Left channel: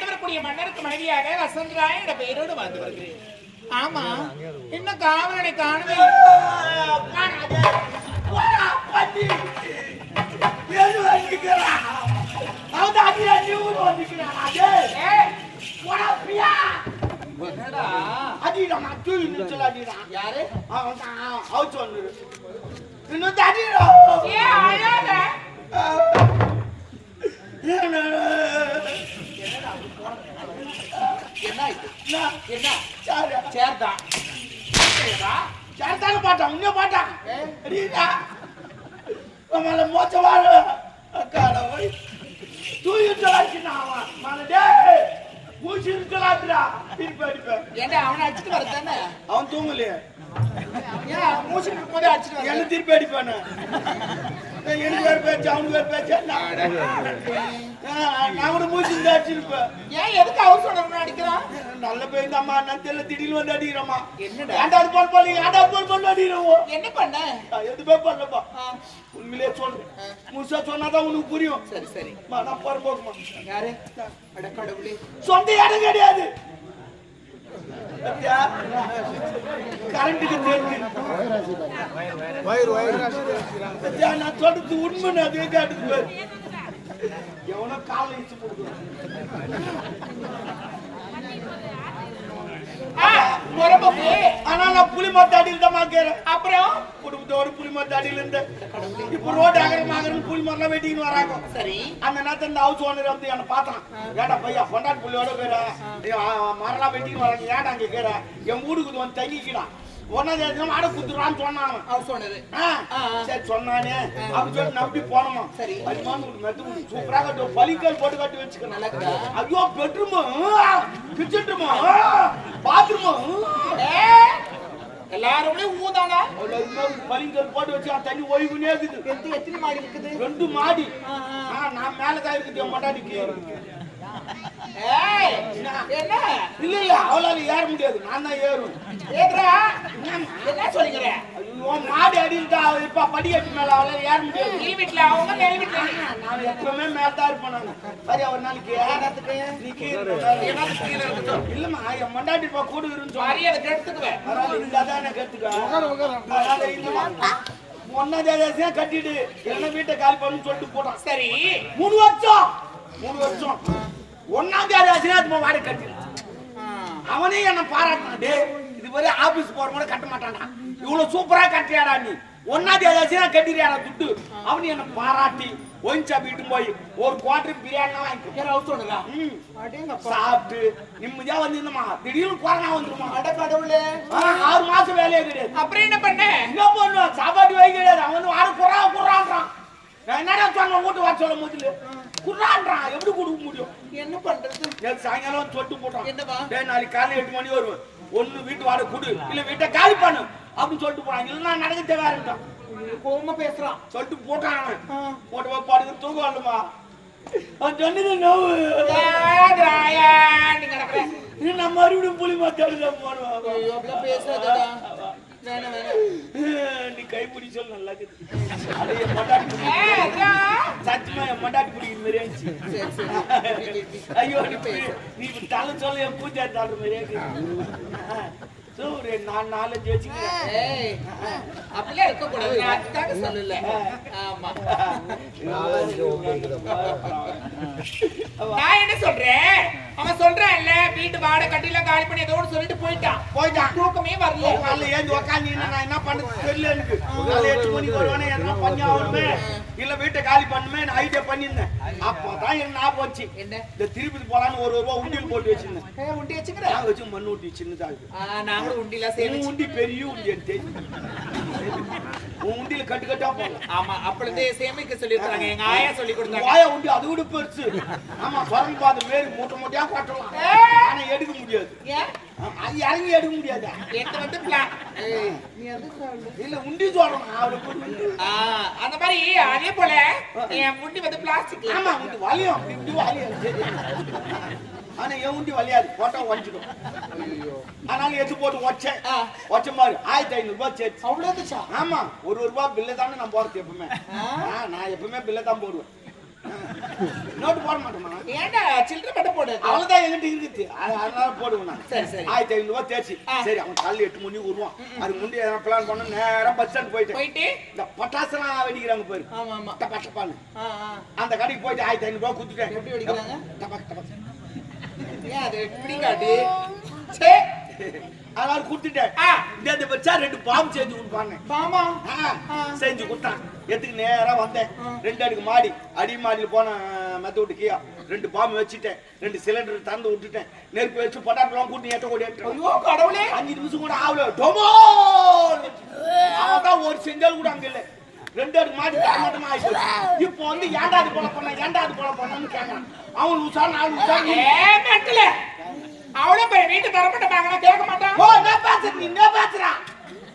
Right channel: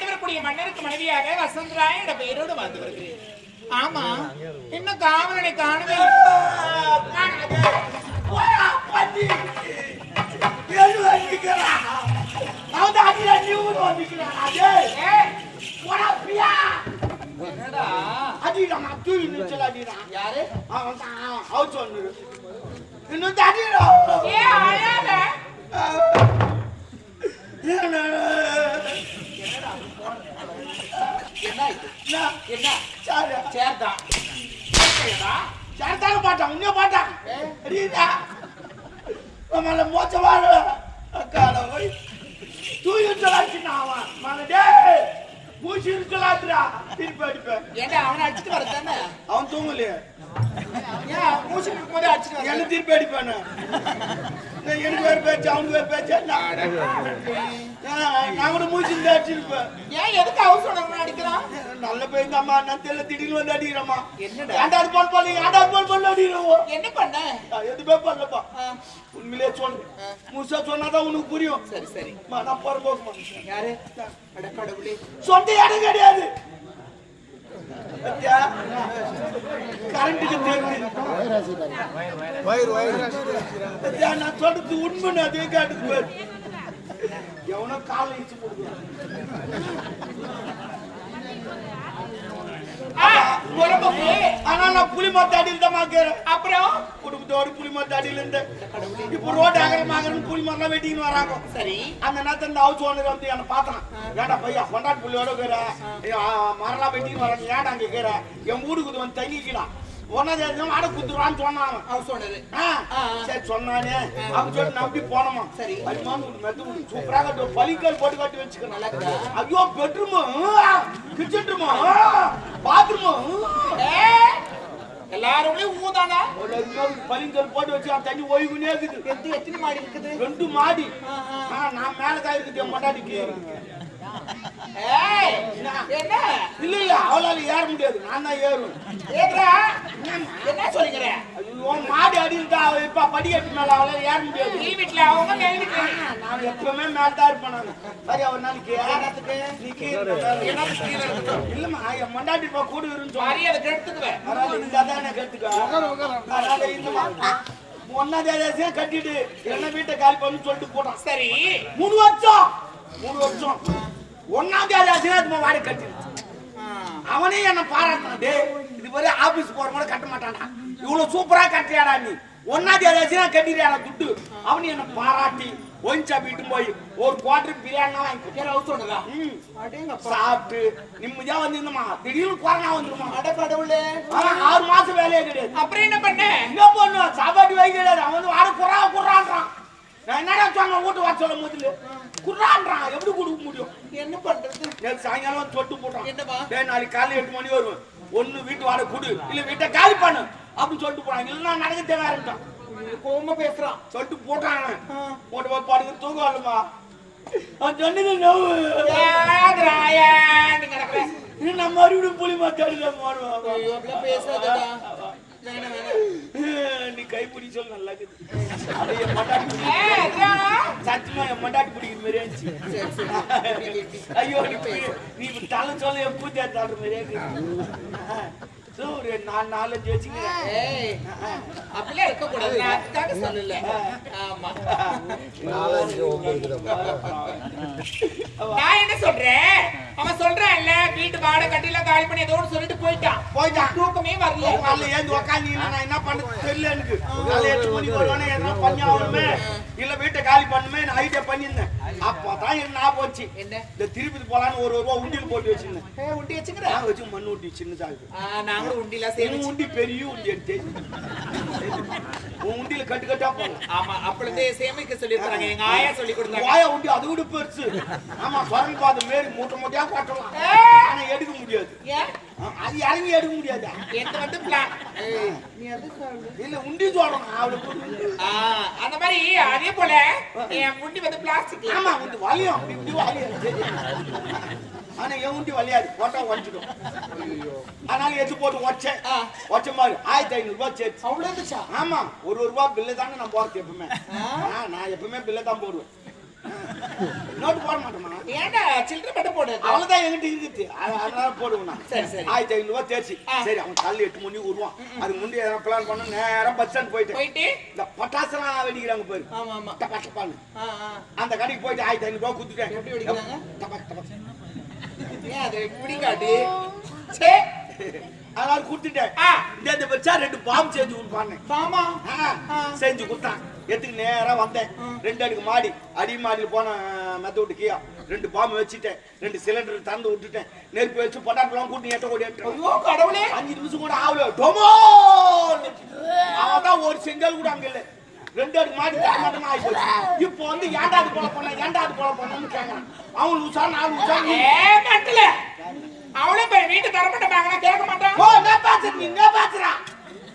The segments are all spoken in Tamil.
ஆண்டு மன்னருக்கு மனைவியாக வசந்தராய் என்ற பெயரோடு வாழ்ந்து வருகிறேன் ஆமா. இன்னும் காவலனை காணவே யாரு? அவன் சொன்னு இன்னும் தண்ணீர் என்ன. சேர்தான் சேர்க்கையதா சாருதாங்க பாட்டான், உன்னைய பாட்டான். அடிடா. நம்மள மோசமான கடவுள். தூக்கி நிறுத்தல அடிச்சுட்டான் அவன். டேய், பூச்சி நிறுத்தலாட்டுடா. திருப்பி அடிப்பேன். ஏண்டா அவனை அடிச்சுட்டு வரதானே அவன் தூங்கலையே ஏன் மூச்சு இருக்கும்போது அடிச்சுட்டு என்ன வர திருப்பி அடிப்பானு எனக்கு வேற பேச்சு அவனுக்கு வேற பேச்சு. நான் கூட மூச்சு அடிச்சிருப்பேன். ஏன் எதுக்கு அவர் சொன்ன அடிக்கிறான்? நல்ல பேர் அம்மா நான் தெரியல திடீர்னு வந்து அடிக்கிறம்மா என்னடா? ஏண்டாது பால் பால் ஏண்டாது பால் பால் அடிக்கிறோம் என்ன பண்ண? எதுவுமே பண்ணலப்பா. உண்மையிலே சொல்றேன். முழுசா சொன்னாதான் உனக்கு புரியும். சரி சரி. நான் போறப்போக்குமா யாரு? அட கடவுளே. சொந்த இடம் கிடையாது? கரண்ட்டுக்கு நான் சொல்றது உண்மைன்னு அதே கேட்டுக்கு எவனோ காலில் போடுவான். ஆனா நான் புலி மத்த அடியில் தான் மாக்கிறேன் அப்புறம் குடும்பத்தோடு புலி மத்த அடியில் இருந்தேன் இப்ப ரோடு அகரம் ஆகரம் புலி மரம் வெட்டின்னு வராங்க சரி அந்த நேரத்துல இந்த ஹவுஸ் ஓனர் வந்து என்ன பார்த்தான் ஏடா பையா பொண்டாட்டி புள்ளியோட இருக்கிற மரலாம் வெட்டின்னு வராங்க ஏடா அங்க இருக்கிற என் வீடுக்கு வந்து தங்கிக்கிடா ஒன்னாவது ஆட குத்துறான்னு சொன்னான் அவன். அவர் சொன்னது. சரி சொன்னானே. அப்படி சொல்லி நம்பி போனோமா? சரி. ஒரு மெத்து. சூப்பரா கட்டு பலிக்கால் போட்டு கட்டி வச்சுக்கணும் நல்லா? ஐயோ பெட்ரூமு கிச்சன் பாத்ரூமு ஏய், எல்லாரும் ஊதானா பலிங்கல் போட்டு வச்சு தண்ணி ஓய்வுனே இருக்குது. எந்த எத்தனை மாடி இருக்குது? ரெண்டு மாடி. நான் மேல தான் இருக்குது ஏய், என்ன? இல்ல இல்ல அவளால ஏற முடியாது. நான் தான் ஏறுவேன். ஏதுடா? என்ன சொல்லிக்கிற? ஐயோ மாடி அடியில் தான் அவ இப்ப படிக்கட்டு மேல அவளால ஏற முடியாது. கீழ் வீட்டுல அவங்க மேல் வீட்டுல. நான் எப்பவுமே மேல தான் இருப்பேன் நான். சரி ஒரு நாளைக்கு என்னத்துக்கு? நீ கீழே இல்லம்மா என் மண்டாட்டி இப்ப கூட இருந்து மரியாதை கெடுத்துக்குவேன். பரவாயில்ல இந்தாதான் எனக்கு எடுத்துக்க அதனால இல்லம்மா. ஒன்னா தேதியா கட்டிட்டு என்ன வீட்டை காலி பண்ணி சொல்லிட்டு போட்டான். சரி. மூணு வருஷம். மூணு வருஷம். ஒன்னாம் தேதி ஆச்சுன்னா அது வாடகை கட்டி ஆ, அவனே என்ன பாராட்டான் டே இது வரை ஆபீஸ் போற கூட கட்ட மாட்டான்டா. இவ்வளவு சூப்பரா கட்டியாடா நீ. ஒன்னாம் தேதி ஆச்சுன்னா கட்டிடுறாடா துட்டு. அவனு என்ன பாராட்டி ஒயின்சா வீட்டு போய் ஒரு குவார்டர் பிரியாணி வாங்கி சொன்னதா ம். அடேங்கப்பா. சாப்பிட்டு நிம்மதியா வந்துருந்தோமா? திடீர்னு கொரோனா வந்துருமா அட கடவுளே. ஆறு மாசம் வேலையே கிடையாது. அப்புறம் என்ன பண்ண? என்ன பண்ணுவேன் சாப்பாடு வைக்க கிடையாது. அவன் வந்து வாட குறா நான் என்னடா சொன்னேன்? வீட்டு வர சொல்ல முதல்ல குறான்றான் எப்படி கொடுக்க முடியும்? என்ன பண்றது? நேத்து சாயங்காலம் தொட்டு போட்டான். என்னவா? டேய் நாளைக்கு காலையில எட்டு மணி வருவேன். ஒண்ணு வீட்டு வாடகை கொடு. இல்ல வீட்டை காலி பண்ணு. அப்படின்னு சொல்லிட்டு போறான் இல்லைன்னா நடக்க தேவையாருட்டான் கோவமா பேசுறான். சொல்லிட்டு போட்டான். போட்டு போய் படுக்க தூக்கம் வரலமா? அவன் சொன்னது நோவு ஏதுடா, ஏன்டி கிடக்குற? நீ நம்ம மறுபடியும் புலி அப்படிலாம் பேசாதடா. வேணாம், வேணாம். நீ கைப்பிடி சொல்ல நல்லா இருக்குது அது என் மண்டாடி பிடி ஏதுடா? சத்தியமா என் மண்டாடி பிடிக்கிற மாதிரியே இருந்துச்சு. ஐயோ நீ இப்படி- நீ இப்படி தலை சொல்ல என் கூத்தியா தாடுற மாதிரியே இருக்குது ஒரு நாலு நாலஞ்சு வச்சுக்கிறேன் அப்படிலாம் இருக்கக்கூடாது. நான் அதுக்காக சொல்லல. ஆமா. நான் என்ன சொல்றேன்? அவன் சொல்றான் இல்ல வீட்டு வாடகை கட்டில காலி பண்ணி ஏதோ சொல்லிட்டு போயிட்டான். போயிட்டான். தூக்கமே வரல. காலைல ஏந்து உக்காந்து நான் என்ன பண்றது தெரியல எனக்கு. காலைல எட்டு மணிக்கு வருவானே என்ன பண்ணி ஆகணுமே? இல்ல வீட்டை காலி பண்ணுமே நான் ஐடியா பண்ணியிருந்தேன். அப்பதான் ஞாபகம் என்ன? இந்த திருப்பதி போலான்னு ஒரு ரூபா உண்டியல் போட்டு வச்சிருந்தேன். உண்டி வச்சுக்கிற? நான் வச்சு மண்ணு ஊட்டி சின்னதா இருக்கு நாங்களும் உண்டிலாம் உண்டி பெரிய உண்டி உன் உண்டியில கட்டு கட்டா போடலாம். ஆமா அப்பொழுதே சேமிக்க சொல்லி எங்க ஆயா சொல்லி கொடுத்தாங்க. வாயா உண்டி அதை விட பெருசு. ஆமா குரங்கு பார்த்து மாரி மூட்டை மூட்டையா கொட்டலாம். ஏய். ஆனா எடுக்க முடியாது. அது இறங்கி எடுக்க முடியாதா? எந்த வந்து பிளான் நீ அது சொல்லு? இல்ல உண்டி சொல்றேன் அவளுக்கு உண்டு. அந்த மாதிரி அதே போல என் முண்டி வந்து பிளாஸ்டிக் ஆமா உண்டு வலியும். அப்படி இப்படி வலியும். ஆனா என் உண்டி வலியாது. போட்டா உடச்சிடும் அதனால எடுத்து போட்டு உடச்சேன். உடச்ச மாதிரி ஆயிரத்தி ஐநூறு ரூபாய் சேர்த்து. அவ்வளவு இருந்துச்சா ஆமா. ஒரு ரூபாய் பில்லு தானே நான் போறது எப்பவுமே. நான் எப்பவுமே பில்ல தான் போடுவேன். நோட்டு போட மாட்டோமா ஏன்டா சில்லறை மட்டும் போடு அவ்வளவுதான் எங்கிட்ட இருக்குது. அது அதனால போடுவேன் நான். சரி, சரி. ஆயிரத்தி ஐநூறு ரூபாய் தேர்ச்சி. சரி அவன் காலையில் எட்டு மணி வருவான் அது முன்னாடி எதனா பிளான் பண்ண நேரா பஸ் ஸ்டாண்ட் போயிட்டு. போயிட்டு? இந்த பட்டாசுலாம் வெடிக்கிறாங்க பாரு. ஆமா ஆமா. ஆ, ஆ. அந்த கடைக்கு போயிட்டு ஆயிரத்தி ஐநூறு ரூபாய் கொடுத்துட்டேன். எப்படி வெடிக்கிறாங்க? டபாக் டபாக் ஏன் அது இப்படி காட்டு சே! அதனால கொடுத்துட்டேன். ஆ. இந்த இந்த ரெண்டு பாம்பு செஞ்சு கொடுப்பாங்க பாமா? செஞ்சு கொடுத்தான் எத்துக்கு நேரா வந்தேன்? ரெண்டு அடுக்கு மாடி அடி மாடியில் போன மெத்த விட்டு கீழே ரெண்டு பாம்பு வச்சுட்டேன். ரெண்டு சிலிண்டர் திறந்து விட்டுட்டேன். நெருப்பு வச்சு பொட்டாட்டெல்லாம் கூட்டி ஏற்ற ஓடி ஐயோ கடவுளே! அஞ்சு நிமிஷம் கூட ஆகல. டொமோ! அவன் ஒரு செங்கல் கூட அங்க இல்ல. ரெண்டு அடுக்கு மாடி தரமாட்டமா ஆகி போச்சு இப்போ வந்து ஏன்டா அது போல பண்ண ஏன்டா அது போல பண்ணன்னு கேக்குறான். அவன் உஷா நான் உஷா நீ ஏ மெண்டல அவ்வளவு பெரிய வீட்டு தரப்பட்ட வாங்கினா கேட்க மாட்டான். ஓ என்ன பாத்துற நீ? என்ன பாத்துறா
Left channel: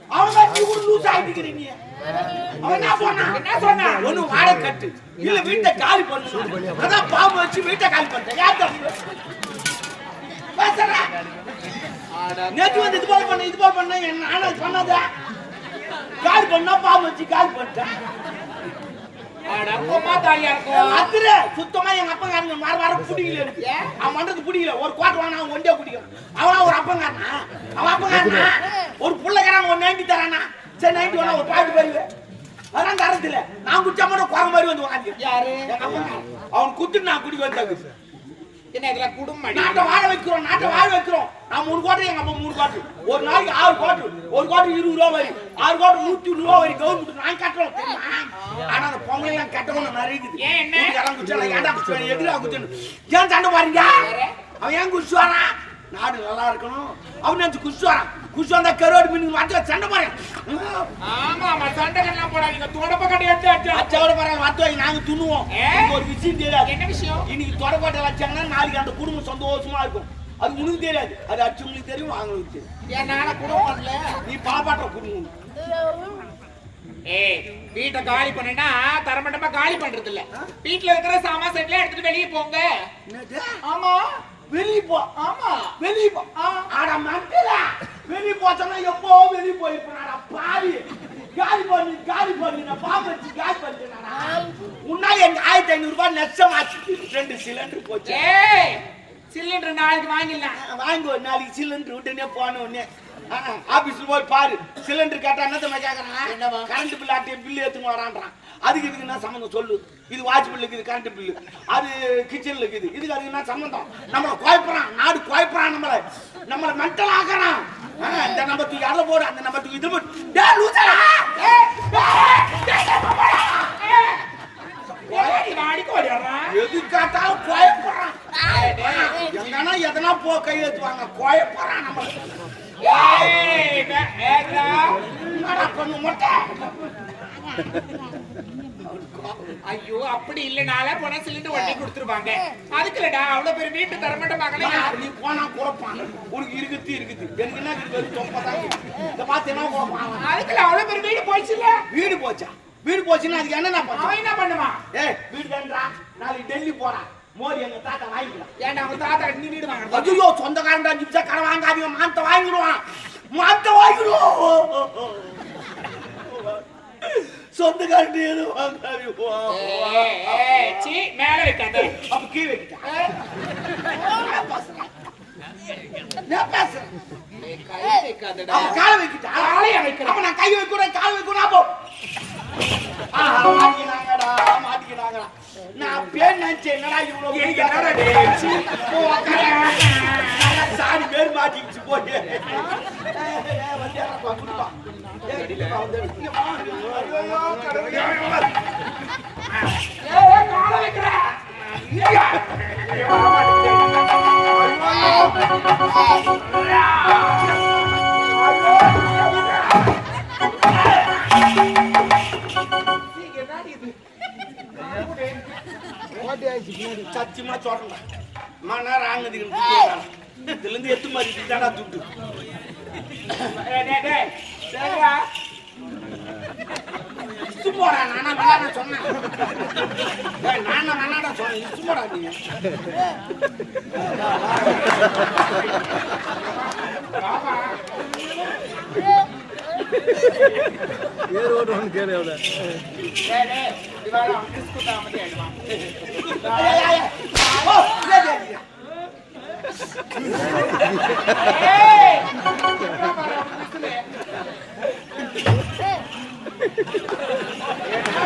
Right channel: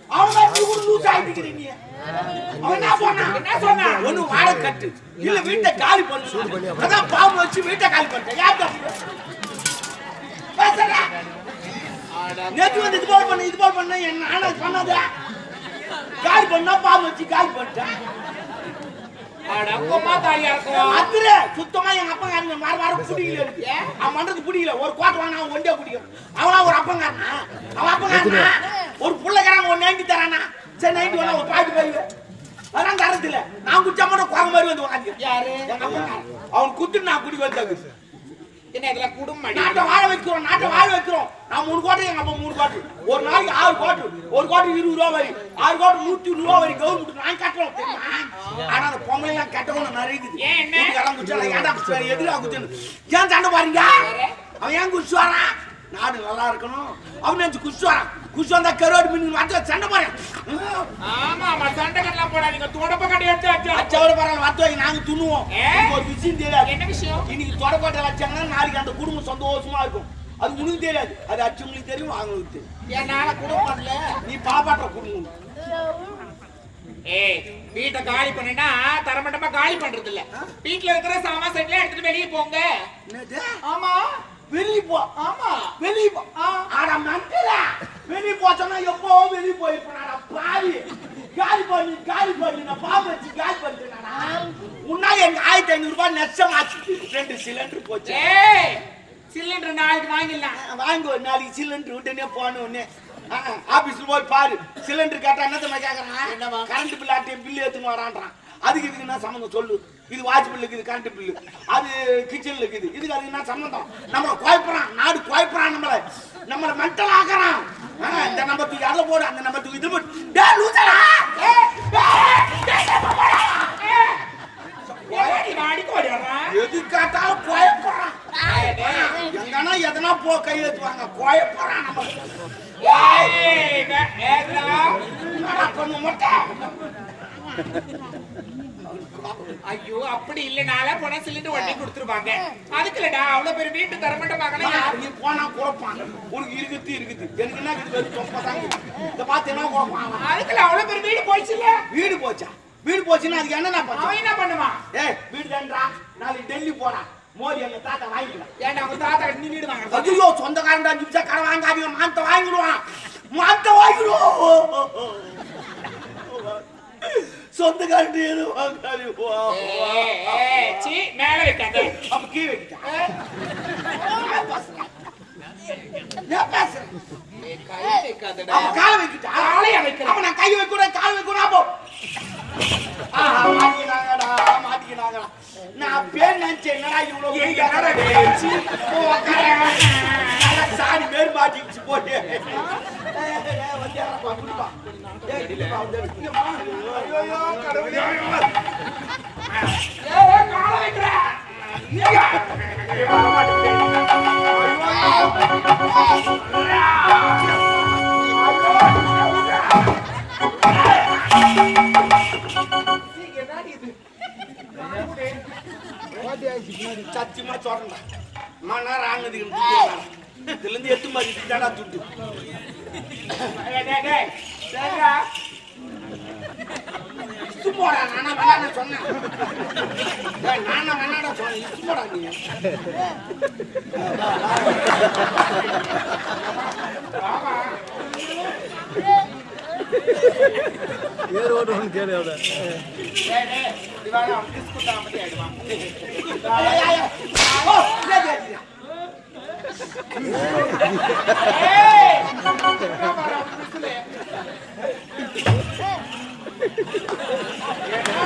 அவன் மாதிரி கூட லூஸ் ஆயிட்டு நீ. அவன் என்ன சொன்னா என்ன சொன்னா? ஒண்ணு வாடகை கட்டு. இல்ல வீட்டை காலி பண்ணு அதான் பாம்பு வச்சு வீட்டை காலி பண்ணிட்டேன் யார் தப்பு? பேசுறா நேத்து வந்து இது போல பண்ண இது போல பண்ண. என்ன ஆனா அது பண்ணாத? காலி பண்ணா பாம்பு வச்சு காலி பண்ணிட்டேன். அத்திர சுத்தமா எங்க அப்பங்காரங்க வார வாரம் பிடிக்கல ஏன்? அவன் பண்றது பிடிக்கல. ஒரு கோட்டை வாங்கினா அவன் ஒண்டியா பிடிக்கும். அவனா ஒரு அப்பங்காரனா? அவன் அப்பங்காரனா? ஒரு புள்ளக்காரன் ஒரு நைன்டி தரானா? சரி நைன்டி வேணா ஒரு பாய்ட்டு போய் அதெல்லாம் தரத்துல நான் குடிச்சா மட்டும் குரங்கு மாதிரி வந்து உட்காந்து யாரு? அவன் குத்துட்டு நான் குடி வந்தாங்க என்ன இதெல்லாம் குடும்பம் நாட்டை வாழ வைக்கிறோம் நாட்டை வாழ வைக்கிறோம். நான் மூணு கோட்டை எங்க அப்பா மூணு கோட்டு ஒரு நாளைக்கு ஆறு கோட்டு ஒரு கோட்டு இருபது ரூபா வரி. ஆறு கோட்டு நூத்தி ரூபா வரி கவர்மெண்ட் நான் கட்டுறோம் தெரியுமா? ஆனா அந்த பொம்பளை எல்லாம் கட்டவும் நிறைய இருக்குது ஏன் என்ன? ஏன்டா குடிச்சாரு எதிரா குடிச்சேன்னு ஏன் சண்டை பாருங்க அவன் ஏன் வரான்? நாடு நல்லா இருக்கணும். அவன் நினைச்சு குடிச்சு வரான். வந்தா கருவாடு மீன் வாட்டி சண்டை பாரு ஆமா ஆமா சண்டை கட்டலாம் போடாதீங்க. தொடப்ப கட்டி எடுத்து வச்சு அச்சாவோட பரவாயில்ல வாத்து வாங்கி நாங்க துண்ணுவோம் ஒரு விஷயம் தெரியாது. என்ன விஷயம்? இன்னைக்கு தொடப்பாட்டை வச்சாங்கன்னா நாளைக்கு அந்த குடும்பம் சந்தோஷமா இருக்கும். அது உனக்கு தெரியாது. அது அச்சவங்களுக்கு தெரியும் அவங்களுக்கு தெரியும். ஏன் நாளை குடும்பம்ல நீ பாப்பாட்ட குடும்பம். ஏய் வீட்டை காலி பண்ணா தரமட்டமா காலி பண்றது இல்ல வீட்ல இருக்கிற சாமான் செட்ல எடுத்துட்டு வெளியே போங்க? ஆமா. வெளிய போ ஆமா வெளிய போ. அட மண்டல வெளிய போச்சனா எப்போ வெளிய போயிருப்பேன் அட பாவி. காலி பண்ணி காலி பண்ணி நான் பாம்பு காலி பண்ணிட்டேனா உன்னால எங்க ஆயிரத்தி ஐநூறு ரூபாய் நஷ்டமாச்சு ரெண்டு சிலிண்டர் போச்சு. ஏய் சிலிண்டர் நாளைக்கு வாங்கிடலாம். வாங்கி ஒரு நாளைக்கு சிலிண்டர் உடனே போன உடனே. ஆபீஸ்ல போய் பாரு. சிலிண்டர் கேட்டா என்ன கேக்குறான்? கரண்ட் பில் ஆட்டிய பில்லு எடுத்துன்னு வரான்றான் அதுக்கு இதுக்கு என்ன சம்மந்தம் சொல்லு? இது வாட்ச் பில் இருக்குது கரண்ட் பில்லு அது கிச்சன்ல இருக்குது. இதுக்கு அதுக்கு என்ன சம்மந்தம்? நம்மள குழப்பறான். நாடு குழப்பறான் நம்மள. நம்மள மென்டல் ஆக்குறான். இந்த நம்பத்துக்கு அதில் போடு அந்த நம்பத்துக்கு இது போடு. வாடிக்கு ஓடிடுறான்? எது கேட்டாலும் குழப்பறான். எங்கன்னா எதனா போ கை ஏத்துவாங்க. குழப்பறான் நம்மள. ஏய், வே- ஐயோ அப்படி இல்லனால போனா சிலிண்டர் வண்டி கொடுத்துருவாங்க. அதுக்கு இல்லடா அவ்வளவு பெரிய வீட்டு தரமாட்ட மகனா நீ போனா குழப்பான். உனக்கு இருக்குது இருக்குது எனக்கு என்ன இருக்குது தொப்பை தான் இருக்குது. இதை பார்த்து என்ன குழப்பான்? அதுக்குள்ள அவ்வளவு பெரிய வீடு போயிடுச்சுல வீடு போச்சா? வீடு போச்சுன்னா அதுக்கு என்ன பண்ண அவன் என்ன பண்ணுவான்? ஏய் வீடு தான்டா நாளைக்கு டெல்லி போறான். மோதி எங்க தாத்தா வாங்கிக்கலாம். ஏன்டா உங்க தாத்தா நீ வீடு வாங்குறது? ஐயோ சொந்தக்காரன் அஞ்சு நிமிஷம் கடை வாங்காதீங்க. மானத்தை வாங்கிடுவான். மானத்தை வாங்கிடுவோம் சொந்தக்காரன் எதுவும் வாங்காதீங்க ஏய், ஏய், சீ, மேல வைக்காத அப்ப கீ வைக்கிட்டா ஏய், என்ன பேசுறேன். என்ன பேசுறேன். ஏய், கை வைக்காதடா. அப்ப காலை வைக்கிட்டா? காலையா வைக்கிறேன். அப்ப நான் கை வைக்கூட கால் அப்போ. ஆஹா மாட்டிக்கினாங்கடா மாட்டிக்கினாங்கடா. நான் பேர் நினைச்சேன் என்னடா இவ்வளவு என்னடா சாணி பேர் மாட்டிக்கிச்சு மாட்டேங்குது. சத்தியமா சொல்றேன்டா. மணி நேரம் ஆனதுக்கு இதுல இருந்து எத்து மாதிரி தாடா சரிடா. சும்மாடா நானா வேணாடா சொன்னேன் நானா வேணாடா சொன்னேன் சும்மாடா நீ ஆமா. ஏறு ஓட்டு ஒன்று கேளு அவனுக்கு ஆயிடுவான். ஏய், ஏய், ஏய். ஓ, இல்ல, இல்ல, இல்ல. ஏய், இங்க பாரு, அவன் kiss ல. என்னடா